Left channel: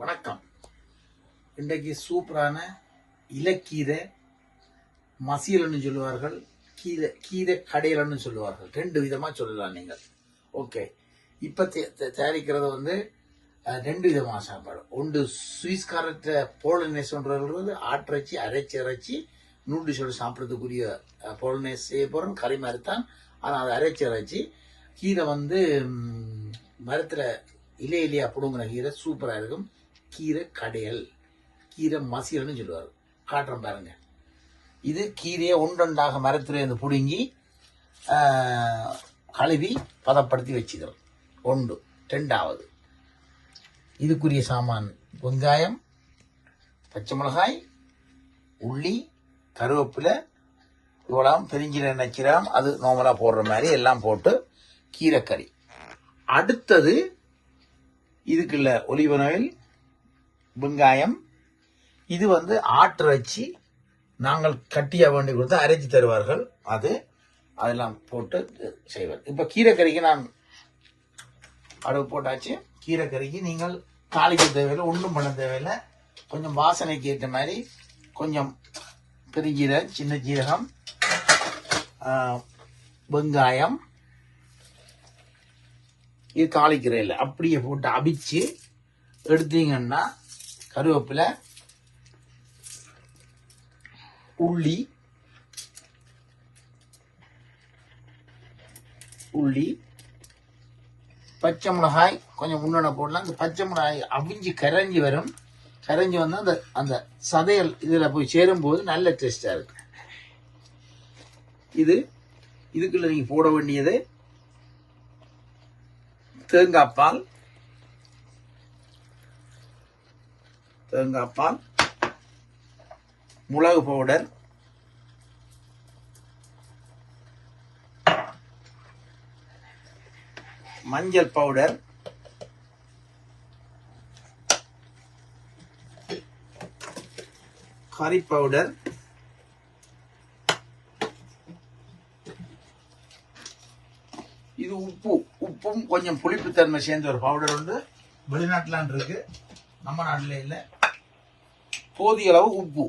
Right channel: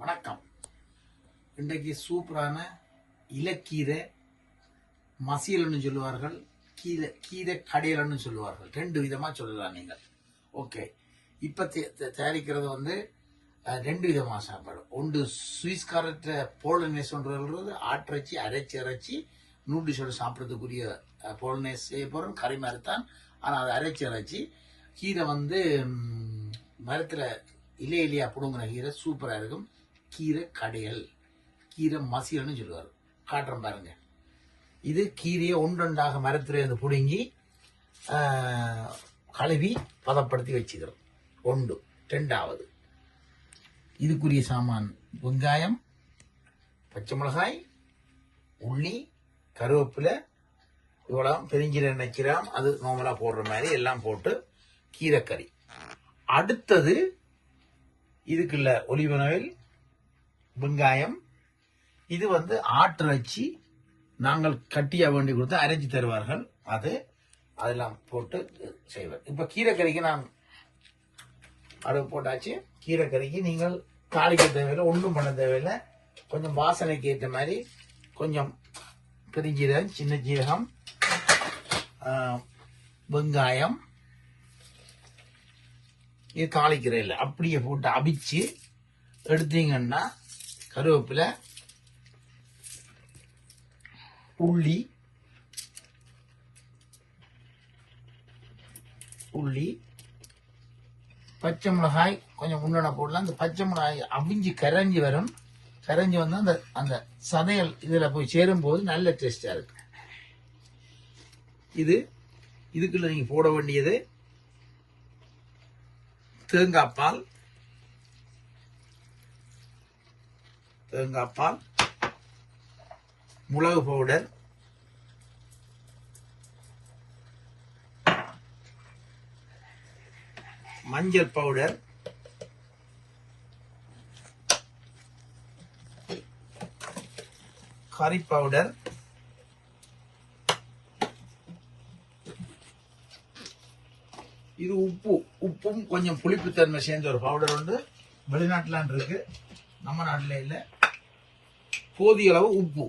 வணக்கம். இன்றைக்கு சூப்பரான இலக்கீரை மசியல்னு சொல்லுவார்கள் கீரை கீரை கடையிலன்னு சொல்லுவார்கள். ரெண்டு விதமாக சொல்லலாம் நீங்கள். ஓகே. இப்போ தயாரிக்கிறது வந்து ரெண்டு விதமான சாப்பாடு. ஒன்று சுவிஸ்காரத்தை போலனேஸ் சொல்றது ஆட்டிறைச்சி அரைச்சி அரைச்சி நூடுல்ஸோட சாப்பிட்றதுக்குரிய போலனேஸ் செய்ய போறோம் கறி மாதிரி தான். ஆனால் அதை அரைச்சி அரைச்சி கீரை வந்து மரத்தில் இலை இலையா பிடுங்குற கீரை சூப்பராக இருக்கும். கீரை கடையல். கீரை மசியல்னு சொல்லுவார். காட்டுறேன் பாருங்க. இது கீரையை ஒன்றொன்றாக வந்து பிடுங்கி கழுவி பதப்படுத்தி வச்சுக்கிறோம் ஒன்று. ரெண்டாவது இதுக்குரிய சாமான் வெங்காயம் பச்சை மிளகாய் உள்ளி கருவேப்பிலை இவ்வளவு தெரிஞ்சிட நினைக்கிறோம் அது நார்மலாக போடுற மாதிரி எல்லாம் போட்டு கீரைக்கறி. அடுத்தது இதுக்குள்ள ஒலிவன் ஆயில் வெங்காயம் இது வந்து ஆட்டிறைச்சி நாங்கள் கட்டிய வேண்டி கொடுத்து அரைச்சி தருவார்கள். அது அதெல்லாம் போட்டு செய்வார். இப்போ கீரைக்கறிக்கு நான் அடுப்பு போட்டாச்சு. கீரைக்கறிக்கு நீங்கள் தாளிக்க தேவையில்லை ஒன்றும் பண்ண தேவையில்லை. கொஞ்சம் வாசனைக்கு ஏற்ற மாதிரி கொஞ்சம் பெருஞ்சீரகம் சின்ன ஜீரகம் வெங்காயம். இது தாளிக்கிறேன் இல்லை அப்படியே போட்டு அவிச்சு எடுத்தீங்கன்னா கருவேப்பிலை உள்ளி உள்ளி பச்சை மிளகாய் கொஞ்சம் முன்னண போடலாம். இந்த பச்சை மிளகாய் அவிஞ்சு கரைஞ்சி வரும். கரைஞ்சி வந்து அந்த அந்த சதையல் இதில் போய் சேரும்போது நல்ல டேஸ்டாக இருக்கும் இது இதுக்குள்ள நீங்கள் போட வேண்டியது தேங்காய் பால் தேங்காய் பால் மிளகு பவுடர் மஞ்சள் பவுடர் கறி பவுடர் இது உப்பு உப்பும் கொஞ்சம் புளிப்புத்தன்மை சேர்ந்த ஒரு பவுடர் வந்து வெளிநாட்டிலான் இருக்கு. நம்ம நாட்டில் இல்லை. போதிய அளவு உப்பு.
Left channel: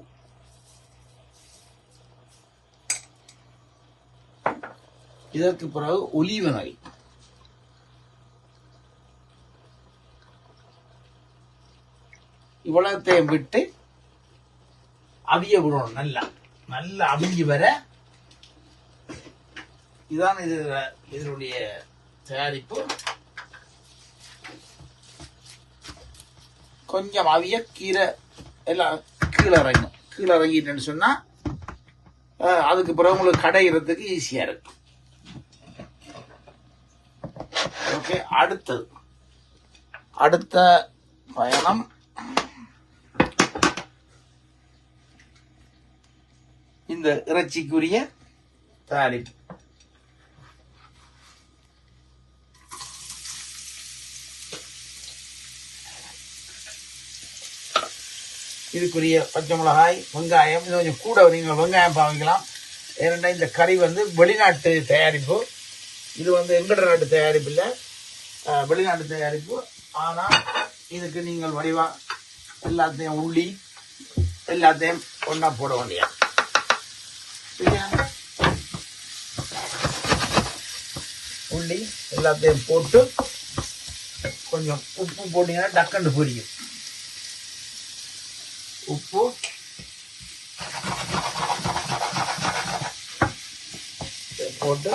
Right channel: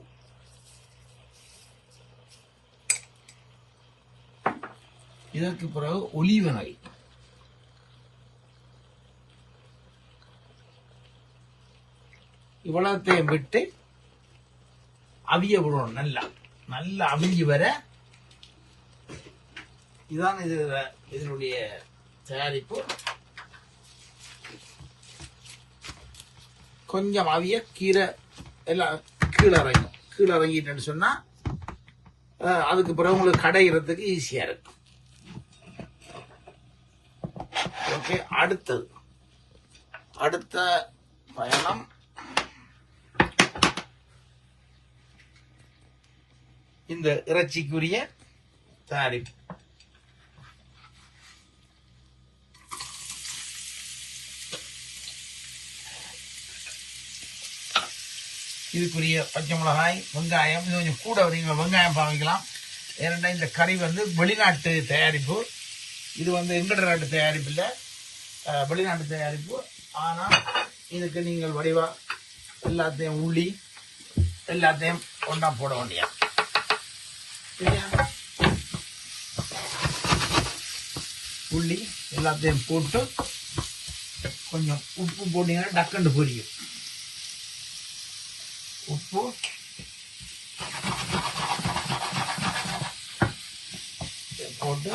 இதற்கு பிறகு ஒலிவ இவ்வளவு இவ்வளத்தையும் விட்டு அவிய விடணும் நல்லா. நல்லா அவிஞ்சு வர. இதான் இது இதனுடைய தயாரிப்பு. கொஞ்சம் அவிய கீரை எல்லாம் கீழே இறங்கும் கீழே இறங்கிட்டேன்னு சொன்னால் அதுக்கு பிறகு உங்களுக்கு கடையிறதுக்கு ஈஸியா இருக்கும். ஓகே அடுத்தது அடுத்த பயணம். இந்த இறைச்சிக்குரிய தயாரிப்பு. இதுக்குரிய பச்சை மிளகாய் வெங்காயம் இது கொஞ்சம் கூட நீங்கள் வெங்காயம் பாவிக்கலாம். ஏனென்றால் இந்த கறி வந்து வெளிநாட்டு தயாரிப்பு. இது வந்து எங்கட நாட்டு தயாரிப்பு இல்லை. வெளிநாட்டு தயாரிப்பு. ஆனால் இதுக்கு நீங்கள் வடிவாக எல்லாத்தையும் உள்ளி எல்லாத்தையும் ஒன்றா போட வேண்டிய உள்ளி எல்லாத்தையும் போட்டு கொஞ்சம் உப்பு போட்டீங்கன்னா டக்குன்னு பொரியும். உப்பு போட்டு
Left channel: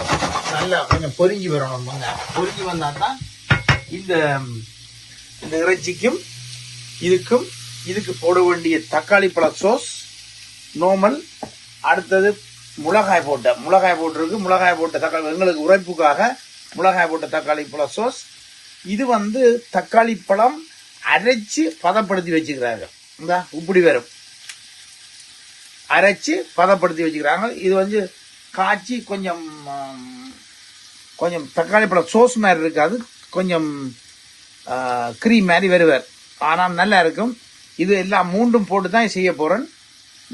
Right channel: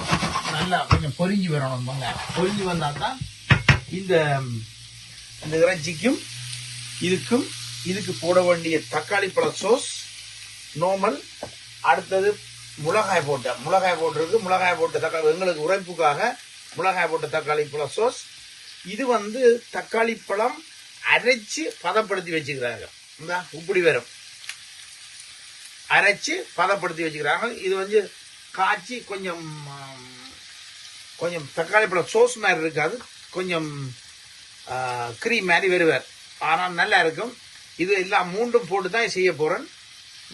நல்லா கொஞ்சம் பொரிஞ்சு வரும் பொறிஞ்சி வந்தா தான் இந்த இந்த இறைச்சிக்கும் இதுக்கும் இதுக்கு போட வேண்டிய தக்காளி பழ சோஸ் நோமல் அடுத்தது மிளகாய் போட்ட மிளகாய் போட்டிருக்கு. மிளகாய் போட்ட தக்காளி எங்களுக்கு உரைப்புக்காக மிளகாய் போட்ட தக்காளி பழ சோஸ் இது வந்து தக்காளி பழம் அரைச்சு பதப்படுத்தி வச்சுக்கிறாங்க. இந்த இப்படி வரும் அரைச்சு பதப்படுத்தி வச்சுக்கிறாங்க. இது வந்து காய்ச்சி கொஞ்சம் கொஞ்சம் தக்காளி பழம் சோஸ் மாதிரி இருக்காது. கொஞ்சம் க்ரீம் மாதிரி வருவார் ஆனால் நல்லா இருக்கும். இது எல்லாம் மூன்றும் போட்டு தான் செய்ய போகிறேன்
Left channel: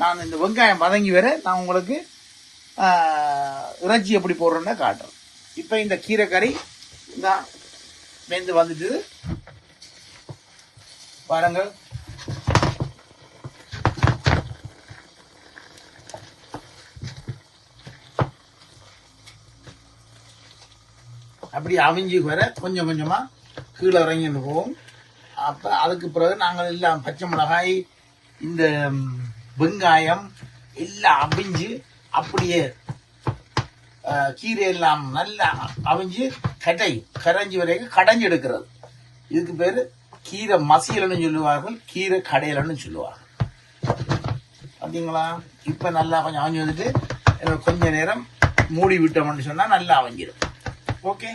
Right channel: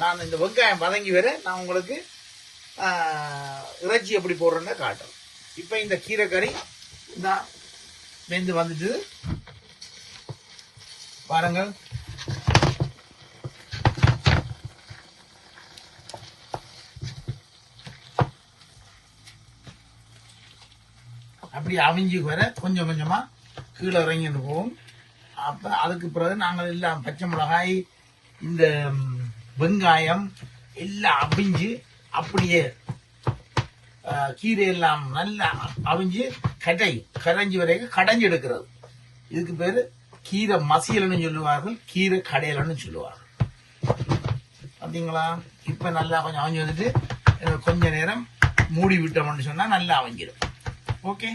நான் இந்த வெங்காயம் வதங்கி வர நான் உங்களுக்கு இறைச்சி எப்படி போடுறேன்னு காட்டுறேன். இப்போ இந்த கீரை கறி இந்த வெந்து வந்துட்டு பாருங்கள். அப்படி அவிஞ்சு வர கொஞ்சம் கொஞ்சமா கீழே இறங்கிட்டு போவோம் அப்ப அதுக்கு பிறகு நாங்கள் எல்லாம் பச்சை மிளகாய் இந்த வெங்காயம் எல்லாம் அவிஞ்சு அப்படியே கீரை எல்லாம் நல்லா அவிஞ்சு கடை கரைஞ்சி வரைக்கும் கடைஞ்சு எடுக்கிறது. இதுக்கு பேர் கீரை மசியல்னு சொல்லுவார்கள் கீரை கடையலன்னு சொல்லுவார்கள். பார்த்தீங்களா இப்ப நல்லா கொஞ்சம் அவிஞ்சு வந்துட்டு கொஞ்ச நேரம் மூடி விட்டோம்னு சொன்னா நல்லா அவிஞ்சிடும் ஓகே?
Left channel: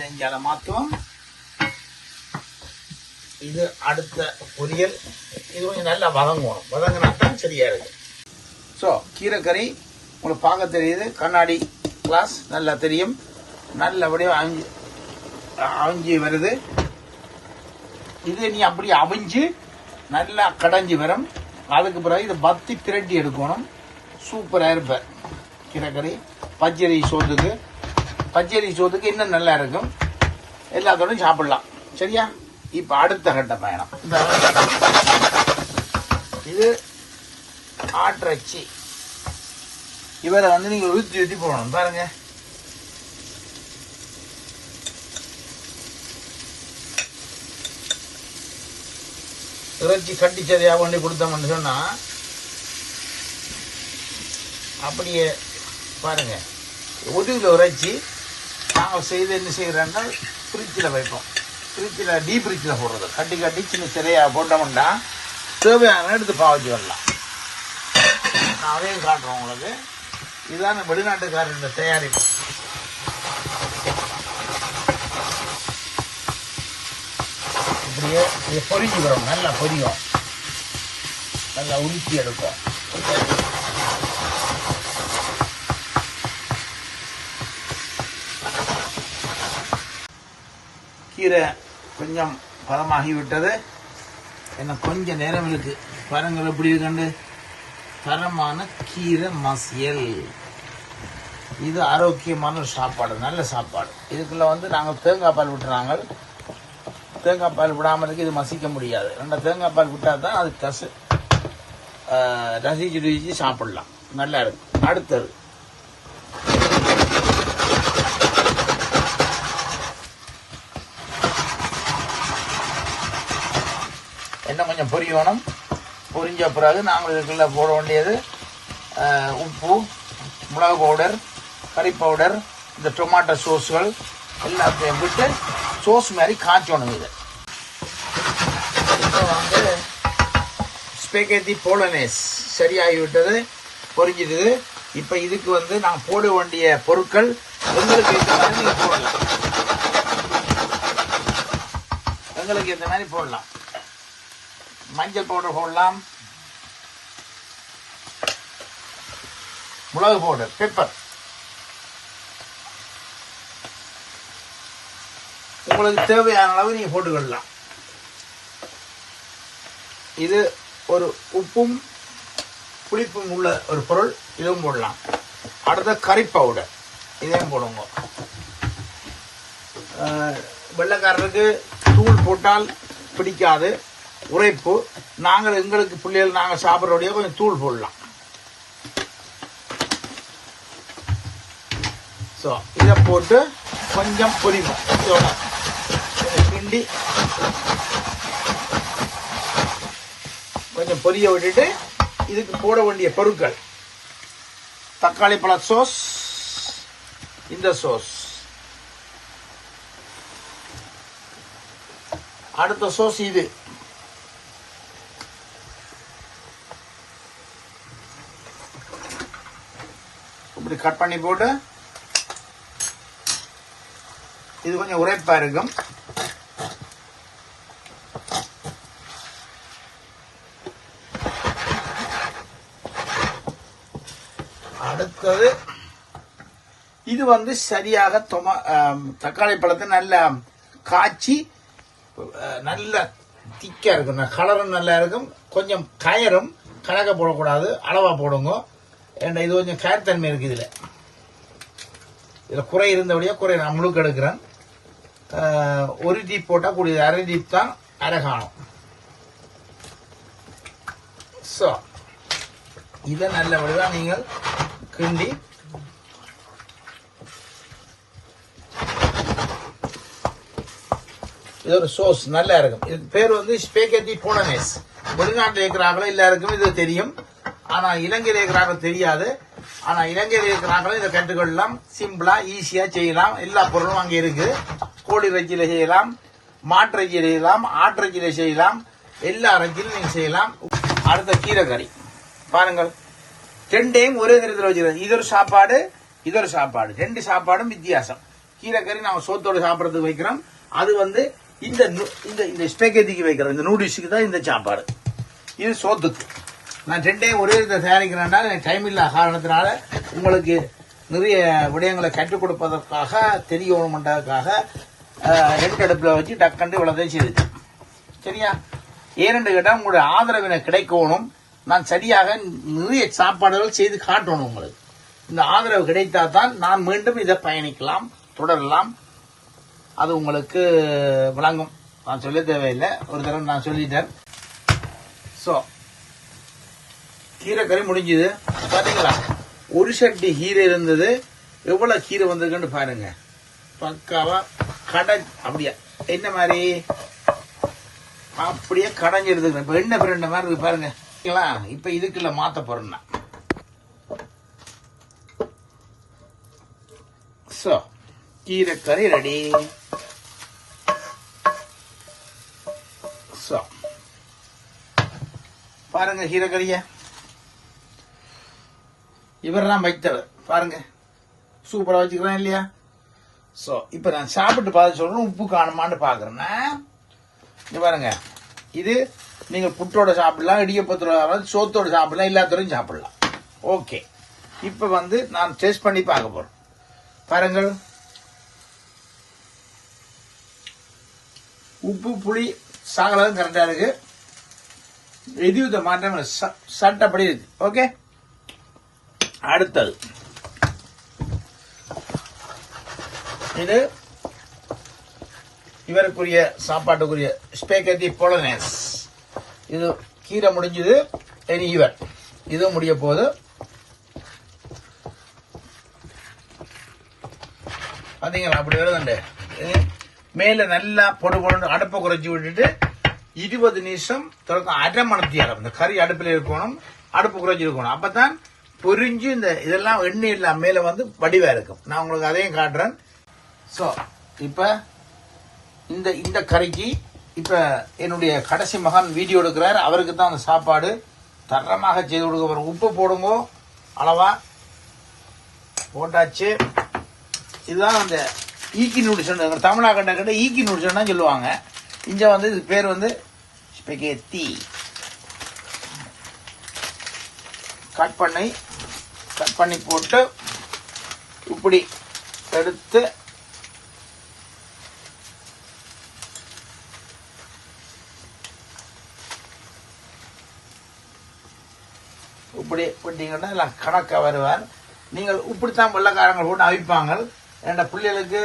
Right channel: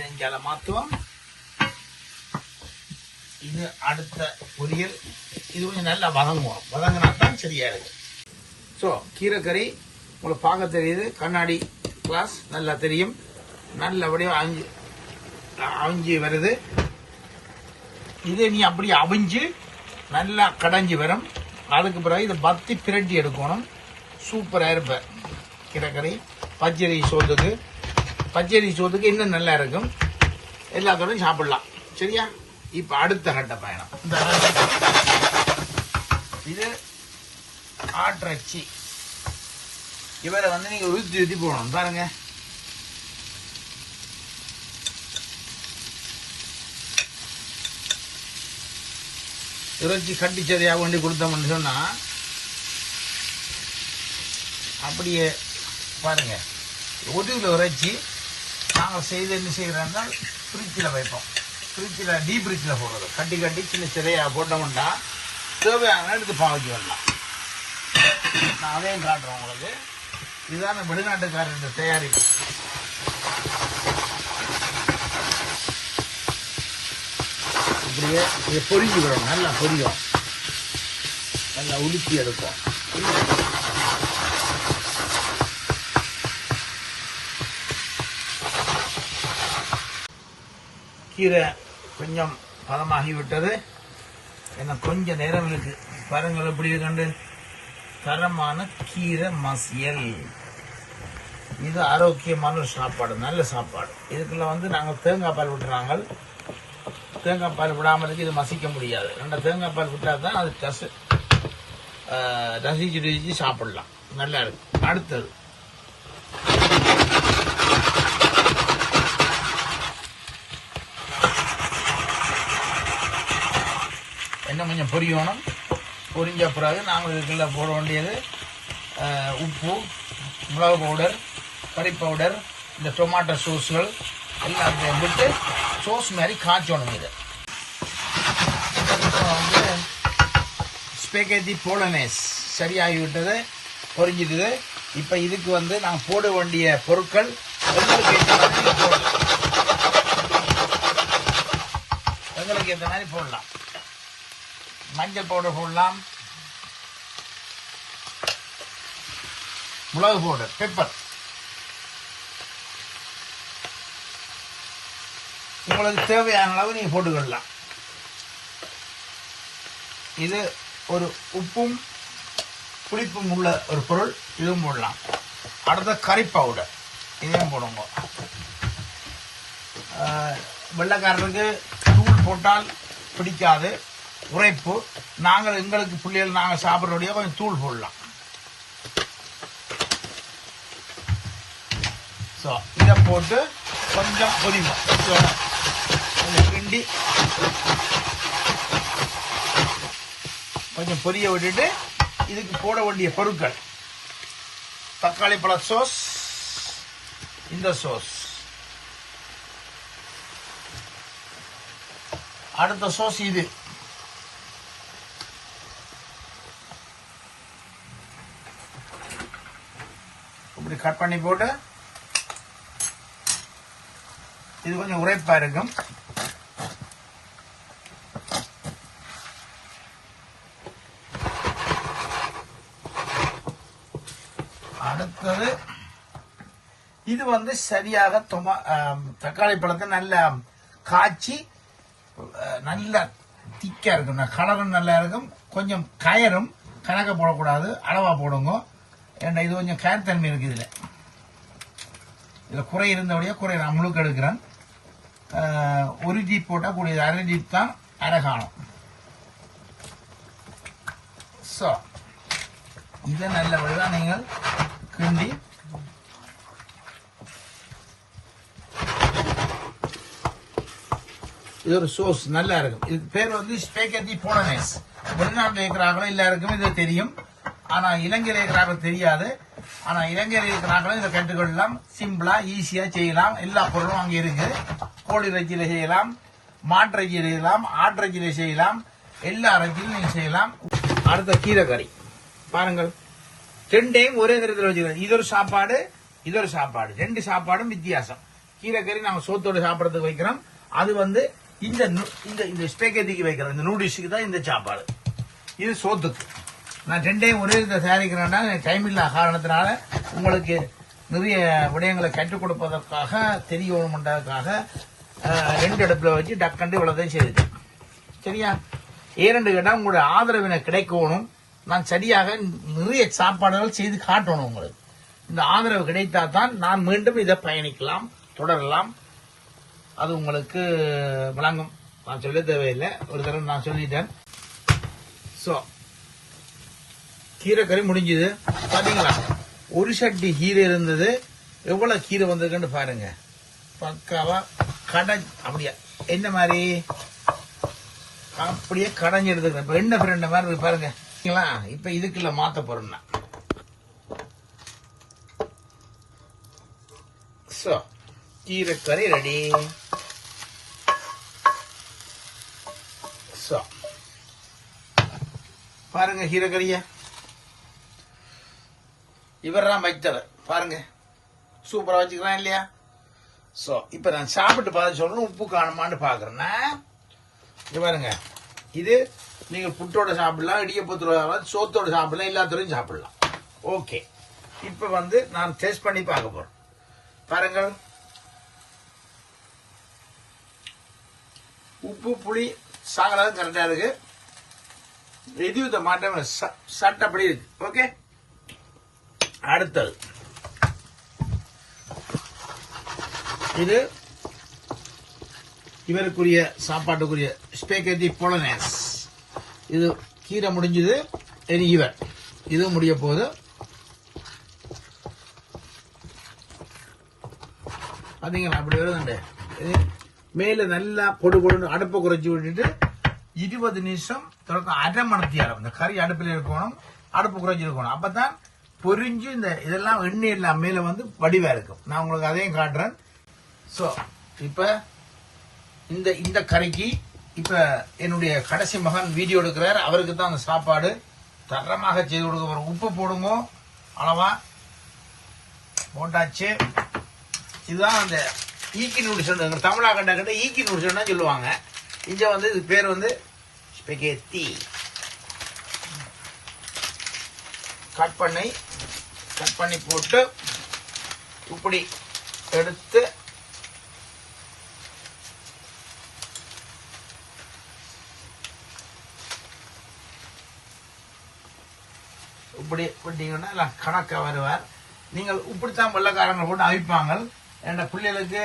இதஞ்சால மாத்துவோம். இது அடுத்த பொரியல் இது கொஞ்சம் நல்லா வதங்கணும். வதங்கினா தான் சரியா இருக்கு ஸோ கீரைக்கறி உங்களுக்கு பார்க்க தெரியுது. கண்ணாடி கிளாஸ் நல்லா தெரியும். நல்லபடியாக அவிஞ்சு அவிஞ்சு வருது. இது நீ அப்படியே அவிஞ்சு நல்லா கடைஞ்சி வரும். அதுக்கு பிறகு இதை பத்தி திரட்டி எடுக்கணும். சூப்பராக இருப்பேன் கீரைக்கறி பச்சரி சோத்துக்கு. பச்சரி சோத்துக்கு இன்னும் நல்லா இருக்கும். எல்லாத்தோடும் சாப்பிடலாம். சரியா? இப்ப அடுத்த கட்ட பயணம். இது ஆட்டிறச்சி இவரை வந்து நீங்க ஊத்தி ஊத்தி போடணும் பாருங்க. இறைச்சி கட்டி சரியா கொண்டு கொடுத்தோம்னு சொன்னா அப்படியே பாருங்க. ஒரு இறைச்சி நாங்கள் செய்து என்ன செய்கிறேன்னா ஃப்ரிட்ஜில் வைப்போம். ஃப்ரிட்ஜில் டீ ஃப்ரிட்ஜில் போடுறது. கட்டி கட்டி சின்ன சிறையாக போட்டோம்னா தேவையான எடுத்து பாவிச்சு வரலாம். நான் அதையும் காட்டுறோம் உங்களுக்கு. இதுதான் வெளிநாட்டுக்காரன் தயாரிப்பு இப்படியே இது பொரிஞ்சு வரும் நல்லா பொரியும். நல்லா உலுக்கி எடுக்கும் கீரை கொஞ்சம் பதமாகிவிட்டது. என்ன கொஞ்சம் நேரம் இருக்கு. பாருங்கள் எப்படி கண்டு தரமான கீரை மசியல். இது ஆரோக்கியமான ஒரு சாப்பாடு நல்ல சாப்பாடு. இதுக்குள்ள வந்து நாங்கள் தேங்காய் பால் விட்டுறாங்க தேங்காய் பால் விடாமலுக்கு இது மசிக்க முடியாது. நம்ம தேங்காய் பால் விட்டால் தான் அது கசு ரசிச்சு ருசிச்சு சாப்பிடலாம். நல்லா இருக்கும். அடுத்தது. கொஞ்சம் கொஞ்சம் பொரியணும். பொரிஞ்ச பிறகு நாங்கள் இதுக்குள்ள போட வேண்டியது உப்பு மிளகு பவுடர் கறி பவுடர் இந்த டொமாட்டோ சோஸ்கள் எல்லாத்தையும் விட்டு சோஸ் மாதிரி காய்ச்சணும் இது. இப்போ வந்து ஸ்பெகேட்டி போலனேஸ் சரியாகிவிட்டது பொரிஞ்சிடுது இப்போ இதுக்கு வந்து நான் போட வேண்டிய பொருட்கள் எங்களுக்கு ஏற்ற மாதிரி போடலாம். எங்களுக்கு ஏற்ற மாதிரி போடலாம். மஞ்சள் பவுடர் போடலாம். மிளகு பவுடர் பெப்பர் உங்களுக்கு தேவையான அளவு நீங்க போட்டுக்கொள்ளலாம். இது ஒரு உப்பும் புளிப்பும் உள்ள ஒரு பொருள் இதுவும் போடலாம். அடுத்த கறி பவுடர் இதையும் போடுங்க. வெள்ளக்காரருக்கு தூள் போட்டால் பிடிக்காது. உரைப்பு. நாங்கள் எங்களுக்கு பிள்ளைகள் நாங்கள் சாப்பிட்றோடைய கொஞ்சம் தூள் போடலாம். ஸோ இதை போட்டு கொஞ்சம் பொரிங்க. கொஞ்சம் கிண்டி கொஞ்சம் பொரிய விட்டுட்டு இதுக்கு போட வேண்டிய பொருட்கள். தக்காளி பழ சோஸ் இந்த சோஸ் அடுத்த சோஸ் இது. இப்படி கட் பண்ணி போட்டு இது கொஞ்சம் உரைப்பா இருக்கும் அடுத்தது இது வந்து சரியாக தொமா தக்காளி பழத்தை நல்ல காய்ச்சி நல்ல திக்கா இருக்கும். கலரும் நல்லா இருக்கும். கொஞ்சம் கயரும் கணக்க போடக்கூடாது. அளவா போடுங்க. ஏன்டா இது கொஞ்சம் கேர் தன்மை இருக்கு இதுல. இதில் குறை இருந்தபடியாக குறை நான் முழுக்க எடுக்கிறேன். ஒரு ஜீப் போட்டால் கூடியது அரை ஜீப் தான் அரைகாணும் ஸோ இதை நல்லபடியாக நீங்கள் கிண்டி இது ஒரு சோஸ் நல்லா இருக்கும். இது பேர் வந்து ஸ்பேகத்தி போலனேஸ் வெளிநாட்டில் இருக்கிறாங்களோ எல்லாருக்கும் இது தெரியும். ஆனா இலங்கையில் இருக்கிறாங்க தெரியாது. ஆனா இலங்கையில் இருக்கிறாங்களும் இதை கற்றுக்கொள்ளலாம் சிம்பிளா ஈஸியா செய்யலாம். எல்லா பொருளும் அங்க இருக்கு. கோழி இறைச்சியில செய்யலாம். மாட்டு செய்யலாம். ஆட்டு செய்யலாம். எல்லா இறைச்சியிலும் நீங்க செய்யலாம். அடுத்த கீரைக்கறி. பாருங்கள். ரெண்டையும் ஒரே தரத்தில் வச்சுக்கிறோம் இது ஒரு சாப்பாடு இது ஒரு சாப்பாடு. ரெண்டு சாப்பாடும் வித்தியாசம். கீரைக்கறி நாம சோத்தோடு சாப்பிடறதுக்கு வைக்கிறோம். அது வந்து இந்த இந்த இந்த ஸ்பெகத்திக்கு வைக்கிறோம். இந்த நூடுல்ஸுக்கு தான் இந்த சாப்பாடு. இது சோத்துக்கு. நான் ரெண்டே ஒரே இதை தயாரிக்கிறேன்னா எனக்கு டைம் இல்லா காரணத்தினால உங்களுக்கு நிறைய விடயங்களை கற்றுக் கொடுப்பதற்காக தெரியணுமென்றதுக்காக ரெண்டு அடுப்பில் வச்சு டக்கண்டு இவ்வளோதையும் செய்து. சரியா? ஏனென்று கேட்டால் உங்களுடைய ஆதரவினை கிடைக்கணும். நான் சரியாக நிறைய சாப்பாடுகள் செய்து காட்டணும் உங்களுக்கு. இந்த ஆதரவு கிடைத்தா தான் நான் மீண்டும் இதை பயணிக்கலாம் தொடரலாம். அது உங்களுக்கு விளங்கும் நான் சொல்ல தேவையில்லை. ஒரு தடவை நான் சொல்லிட்டேன். ஸோ கீரைக்கறி முடிஞ்சது. பாத்தீங்களா? ஒரு சட்டி கீரை இருந்தது. எவ்வளவு கீரை வந்ததுன்னு பாருங்க. பக்காவா கடை அப்படியா? என்ன மாதிரி? அப்படியே கடைஞ்சிருது இப்ப என்ன பிரண்ட மாதிரி இருக்கு பாருங்க. இப்ப இதுக்குள்ள மாத்த போறேன் நான். So, கீரைக்கறி ரெடி So, பாருங்க கீரைக்கறிய. இவர் தான் வைத்தவர். பாருங்க. சூப்பரா வச்சுக்கிறேன் இல்லையா? சோ இப்ப நான் சாப்பிட்டு பார்த்து சொல்றேன் உப்பு காணுமான்னு பாக்குறேன் இது பாருங்க. இது நீங்க புட்டோட சாப்பிடலாம் இடியப்பத்தோட சோத்தோட சாப்பிடலாம் எல்லாத்தோடையும் சாப்பிடலாம். ஓகே. இப்ப வந்து நான் டேஸ்ட் பண்ணி பார்க்க போறேன். பாருங்கள். உப்பு புளி சாகலாம் கரெக்டா இருக்கு. எதுவித மாற்றம் ச- சட்டப்படி இருக்கு. ஓகே? அடுத்தது. இது இவருக்குரிய சாப்பாட்டுக்குரிய ஸ்பேகத்தி பொலனேஸ் இது கீரை முடிஞ்சது. இனி இவர். இது முடிய போது பார்த்தீங்களா அப்படி எழுதுண்டு. மேல நல்லா பொடு பொடு அடுப்பை குறைச்சி விட்டுட்டு இருபது நிமிஷம் தொடக்கம். அரை இந்த கறி அடுப்பில் இருக்கணும். அடுப்பு குறைச்சி இருக்கணும் அப்பதான் பொறிஞ்சு இந்த இதெல்லாம் எண்ணெய் எல்லாம் மேல வந்து வடிவா இருக்கும். நான் உங்களுக்கு அதையும் காட்டுறேன். சோ இப்ப இந்த இந்த கறிக்கு இப்ப என்னுடைய கடைசி மகன் வீடியோ எடுக்கிறார். அவருக்கு தான் அந்த சாப்பாடு தரமாக செய்து கொடுக்க உப்பு போடுங்க. அளவா. போட்டாச்சு. இதுதான் அந்த ஈக்கி நூடுல்ஸ் தமிழா கண்ட கிட்ட ஈக்கி நூடுல்ஸ் சொல்லுவாங்க. இங்க வந்து இது பேர் வந்து ஸ்பெகேத்தி கட் பண்ணி கட் பண்ணி போட்டு இப்படி எடுத்து இப்படி விட்டீங்கன்னா எல்லாம் கணக்காக வருவார். நீங்கள் இப்படித்தான் வெள்ளக்காரங்க கூட அவிப்பாங்க என் பிள்ளைகளுக்கு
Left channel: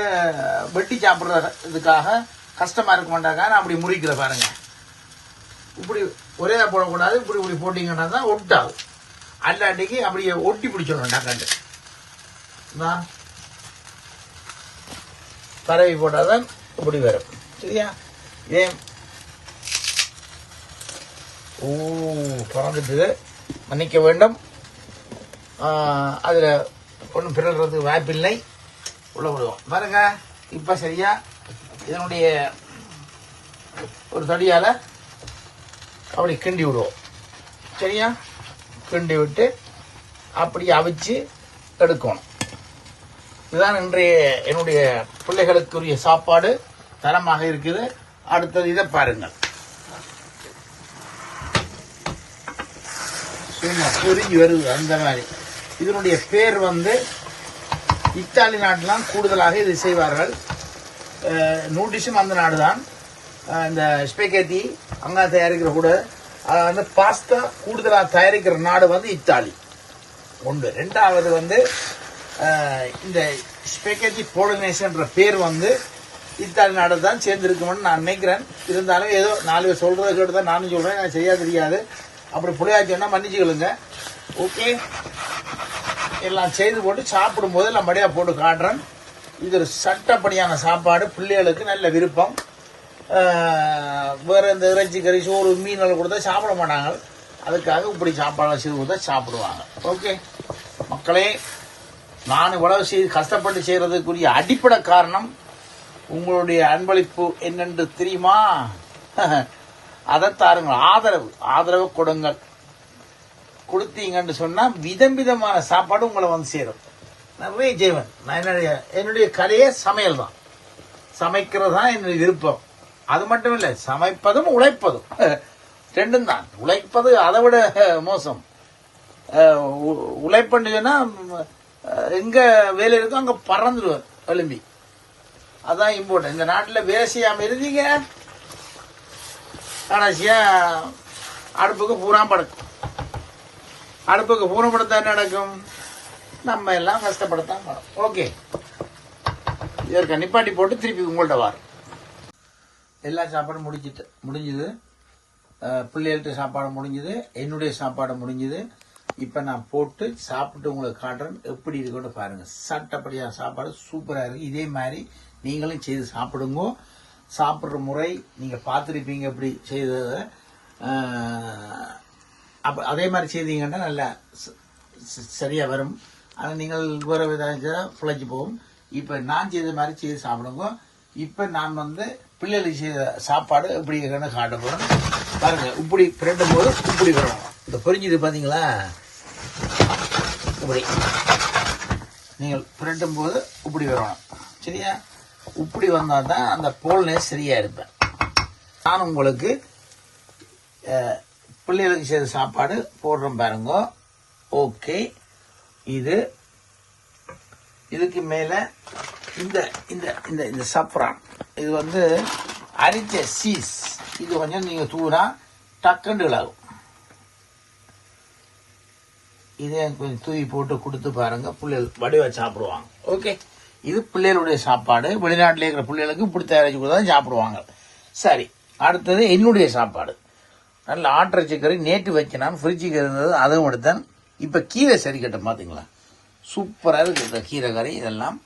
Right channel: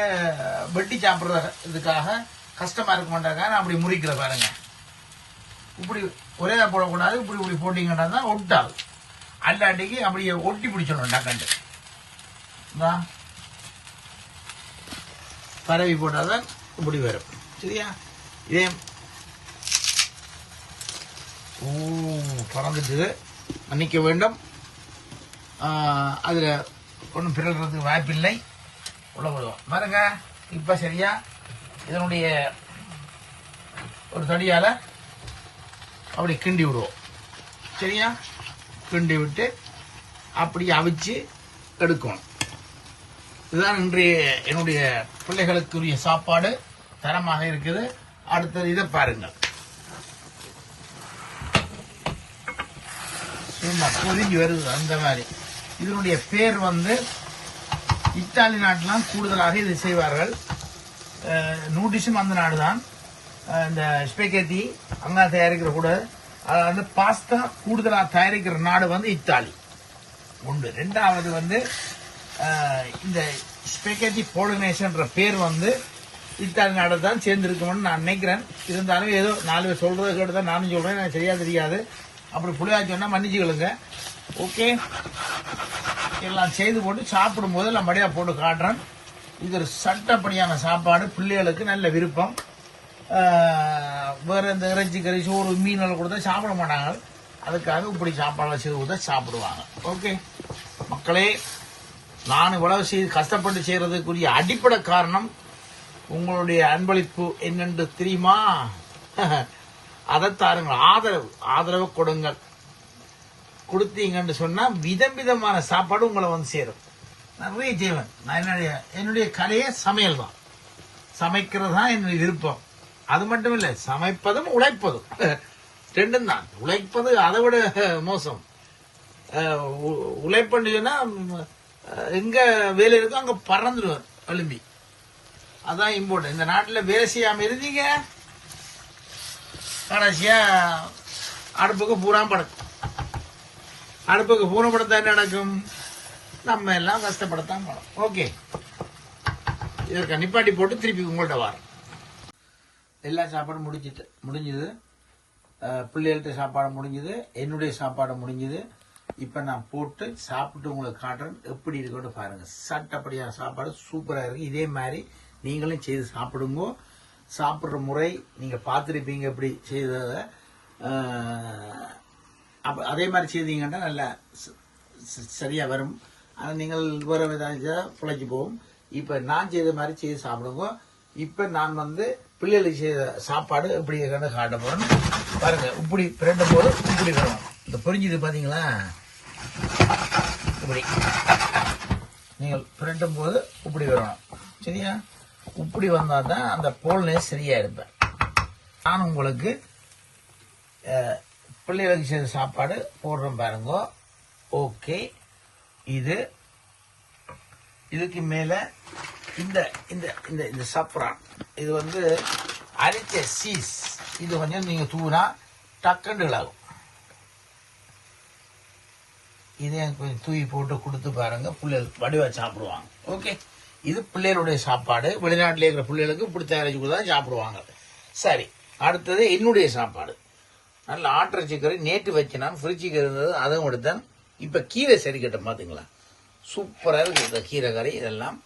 வெட்டி சாப்பிடுறதுக்காக கஷ்டமா இருக்க மாட்டாங்க நான் அப்படி முறிக்கிற பாருங்க. இப்படி ஒரே போடக்கூடாது. இப்படி இப்படி போட்டீங்கன்னா தான் ஒட்டாகும் அல்லாட்டிக்கு அப்படியே ஒட்டி பிடிச்சிடும் டக்காண்டு இந்தா. பரவி போட்டாதான் இப்படி வரும். சரியா? ஏன்? ஓ பறந்துட்டு மன்னிக்க வேண்டும். அதில் ஒன்றும் பிறகுறதுக்கு வாய்ப்பில்லை. உள்ள விடுவோம். பாருங்க இப்போ சரியா? இதனுடைய ஒரு தடியால் அவளை கிண்டி விடுவோம். சரியா? கிண்டி விட்டு அப்படி அவிச்சு எடுக்கணும். இதுதான் இன்றைய என்னுடைய பிள்ளைகளுக்குரிய சாப்பாடு. தரமாக இருக்குது. அடுத்தது இதை பாருங்கள். சும்மா பொரிஞ்சு வருது அந்த மாதிரி. இதனுடைய பேர் வந்து இத்தாலி நாட்டிலாம் கூடுதலாக இது செய்வார்கள். நூடிஷும் அந்த நாடு தான் இந்த ஸ்பெகேத்தி அங்கே தயாரிக்கிற கூட அஹ், பாஸ்தா கூடுதலாக தயாரிக்கிற நாடு வந்து இத்தாலி. ஒன்று. ரெண்டாவது வந்து இந்த ஸ்பெகேஜி போலனேஸ்ன்ற பேர் வந்து இத்தாலி நாடு தான் சேர்ந்துருக்குமென்னு நான் நினைக்கிறேன். இருந்தாலும் ஏதோ நாலு பேர் சொல்கிறத கேட்டு தான் நானும் சொல்கிறேன் எனக்கு சரியாக தெரியாது. அப்புறம் புளியாச்சுன்னா மன்னிச்சுக்கொள்ளுங்க ஓகே. எல்லாம் செய்து போட்டு சாப்பிடும்போது நான் மடியாக போட்டு காட்டுறேன். இது ஒரு சட்டப்படியான சாப்பாடு. பிள்ளைகளுக்கு நல்ல விருப்பம். வேறு இந்த இறைச்சி கறி சோறு மீன் கொடுத்தா சாப்பிட மாட்டாங்க. அதுக்காக இப்படி சாப்பாடு செய்து கொடுத்தா சாப்பிடுவாங்க. ஓகே மக்களே நான் இவ்வளவு செய்து கஷ்டப்பட்டு செய்கிறதுக்குரிய அடிப்படை காரணம் உங்களுடைய அன்பளிப்பு என்னென்று தெரியுமா? அதை தாருங்கள். ஆதரவு. ஆதரவு கொடுங்கள். கொடுத்தீங்கன்னு சொன்னால் விதம் விதமான சாப்பாடு உங்களை வந்து சேரும். நிறைய செய்வேன். நான் என்னுடைய என்னுடைய கலையே சமையல் தான் சமைக்கிறது தான் என்னுடைய விருப்பம். அது மட்டும் இல்லை சமைப்பதும் உழைப்பதும். ரெண்டும் தான் உழைப்பது அதை விட மோசம். அஹ் எங்க வேலை இருக்கோ அங்க பறந்துடுவார் எழும்பி. அதான் இம்பார்ட்டன் இந்த நாட்டில் வேலை செய்யாம இருந்தீங்க கடைசியா அடுப்புக்கு பூரா படுக்கும். அடுப்புக்கு பூரா படுத்தா என்ன நடக்கும்? நம்ம எல்லாம் கஷ்டப்படுத்தான் ஓகே இதற்கு நிப்பாட்டி போட்டு திருப்பி உங்கள்கிட்ட வரோம் எல்லா சாப்பாடும் முடிஞ்சிட்டு முடிஞ்சுது. பிள்ளைகள்கிட்ட சாப்பாடு முடிஞ்சுது. என்னுடைய சாப்பாடு முடிஞ்சுது. இப்போ நான் போட்டு சாப்பிட்டு உங்களுக்கு காட்டுறேன். எப்படி இருக்குன்னு பாருங்கள் சட்டப்படியான சாப்பாடு சூப்பராக இருக்குது இதே மாதிரி நீங்களும் செய்து சாப்பிடுங்க. சாப்பிட்ற முறை நீங்கள் பார்த்துருப்பீங்க எப்படி செய்ததை. அஹ், அப்ப அதே மாதிரி செய்தீங்கன்னா நல்லா ச- வரும். ஆனால் நீங்கள் வேறு விதம் பிழைச்சி போகும். இப்போ நான் செய்த மாதிரி செய்து சாப்பிடுங்க. இப்போ நான் வந்து பிள்ளைகளுக்கு செய்த சாப்பாடு எப்படி இருக்குன்னு காட்ட பாருங்க இப்படி பிரண்டும் போது இப்படி வரும். இந்த புரிஞ்சுது பார்த்தீங்களா இப்படி. நீங்கள் பிறட்டும் போது இப்படி வரணும் சரியா? இப்படி வந்தால் தான் அந்த போல்னே சரியாக இருப்பேன். நான் உங்களுக்கு பிள்ளைகளுக்கு செய்த சாப்பாடு போடுறோம் பாருங்க. ஓகே. இது இதுக்கு மேலே இந்த இந்த இந்த இந்த சப்ரான் இது வந்து அரிச்ச சீஸ். இது கொஞ்சம் நீங்க தூனா டக்குன்னு இழாகும் இதே கொஞ்சம் தூவி போட்டு கொடுத்து பாருங்க. பிள்ளைகள் வடிவா சாப்பிடுவாங்க. ஓகே இது பிள்ளைகளுடைய சாப்பாடு. வெளிநாட்டில் இருக்கிற பிள்ளைகளுக்கு இப்படி தயாரிச்சு கொடுத்தா சாப்பிடுவாங்க. சரி. அடுத்தது என்னுடைய சாப்பாடு. நல்ல ஆட்டிறைச்சி கறி நேற்று வச்சு நான் ஃப்ரிட்ஜுக்கு இருந்தது. அதுவும் எடுத்தேன். இப்போ கீரை சரிக்கட்டும் பார்த்தீங்களா சூப்பராக இருக்கு. இந்த கீரை கறி இதெல்லாம்.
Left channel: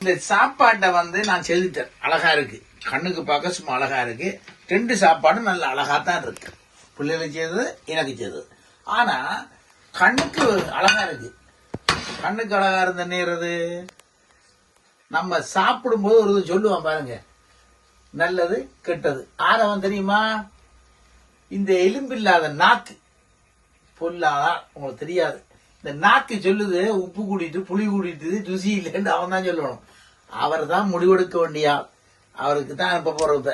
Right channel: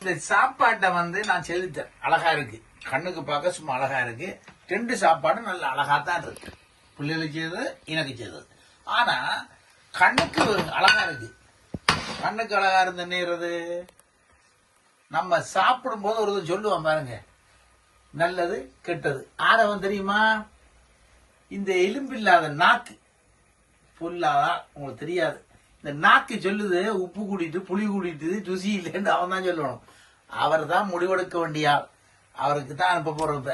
இந்த சாப்பாட்டை வந்து நான் செலுத்தேன் அழகா இருக்கு. கண்ணுக்கு பார்க்க சும்மா அழகா இருக்கு. ரெண்டு சாப்பாடும் நல்ல அழகா தான் இருக்கு. பிள்ளைகளுக்கு செய்தது எனக்கு செய்தது. ஆனா கண்ணுக்கு அழகா இருக்கு. கண்ணுக்கு அழகா இருந்த நேரது நம்ம சாப்பிடும்போது ஒரு சொல்லுவோம் சொல்லுவான் பாருங்க. நல்லது கெட்டது. ஆனவன் தெரியுமா? இந்த எலும்பில்லாத நாக்கு. பொல்லாதான் உங்களுக்கு தெரியாது. இந்த நாக்கு சொல்லுது உப்பு கூட்டிட்டு புளி கூட்டிட்டு ருசி இல்லைன்னு அவன் தான் சொல்லணும். அவர் தான் முடிவெடுக்க வேண்டிய? ஆள் அவருக்கு தான் அனுப்ப போறோம்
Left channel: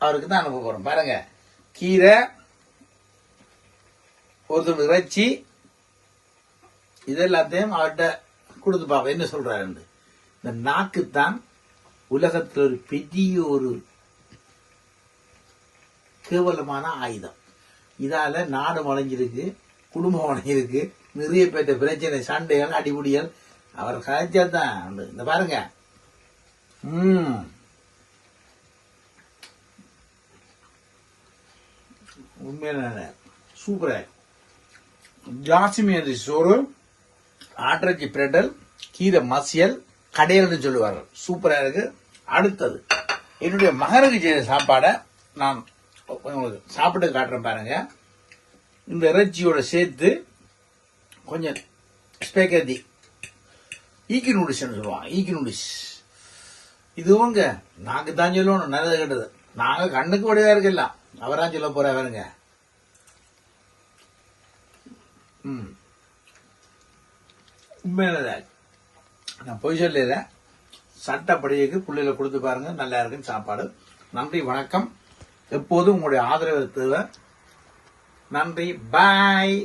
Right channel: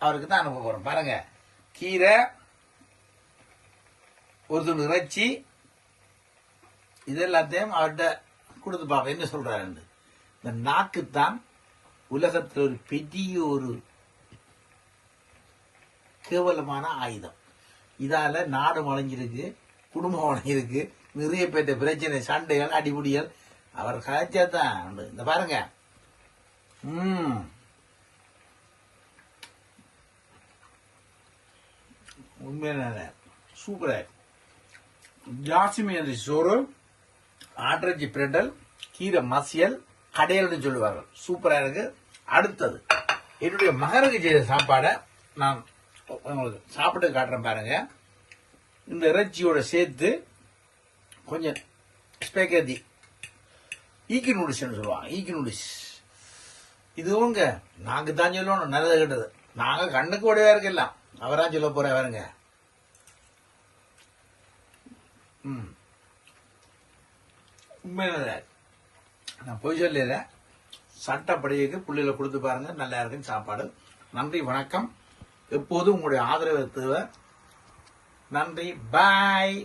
அவருக்கு தான் அனுப்ப போறோம். பாருங்க. கீரை ஒரு துண்டு இறைச்சி இது எல்லாத்தையும் அவர்கிட்ட கொடுத்து பார்ப்போம் என்ன சொல்றாருன்னு இந்த நாக்குத்தான் உலகத்தில் ஒரு பெரிய ஒரு கேவலமான ஆயுதம். இதால நாடு வளைஞ்சிருக்கு குடும்பம் வளைஞ்சிருக்கு நிறைய பேர்த்த பிரச்சனை சண்டைகள் அடிபடிகள். அவர் கதைச்சா தான் உண்டு. இந்த பாருங்க. Mmm. உண்மையான சூப்பராக இருக்கு. ஜாஸ்மி சோறு ஆட்ரஜி பிரட்டல் கீரை மசியல் கடையல்னு சொல்லுவார்கள். சூப்பராக இருக்கு. அடுத்தது என்னுடைய மகனுக்கு செய்த சாப்பாடை நான் உங்களுக்கு சாப்பிட்டு காட்டுறேன் பாருங்க. இந்த இறைச்சியோட சேர்த்து கொஞ்சம் ஸ்பெகதி ஈக்கி நூடுல்ஸ்னு சொல்லுவாங்க. ஈக்கி நூடுல்ஸ் இதுவுங்க நாங்க தான் சொல்லணும் நல்லது கெட்டது. நாங்க கண்ணுக்கு வடிவா இருக்கலாம் அவரா சொல்ல போற பாருங்க. ம். உண்மையில நான் பொய் சொல்லிடுறேன். சட்டப்படிக்கு புள்ளியில கொடுத்து பாருங்க நல்லா இருக்குன்னு சாப்பாடு. நன்றி வணக்கம். எப்போதும் உங்களுடைய ஆதரவு தேவை. நன்றி பாய்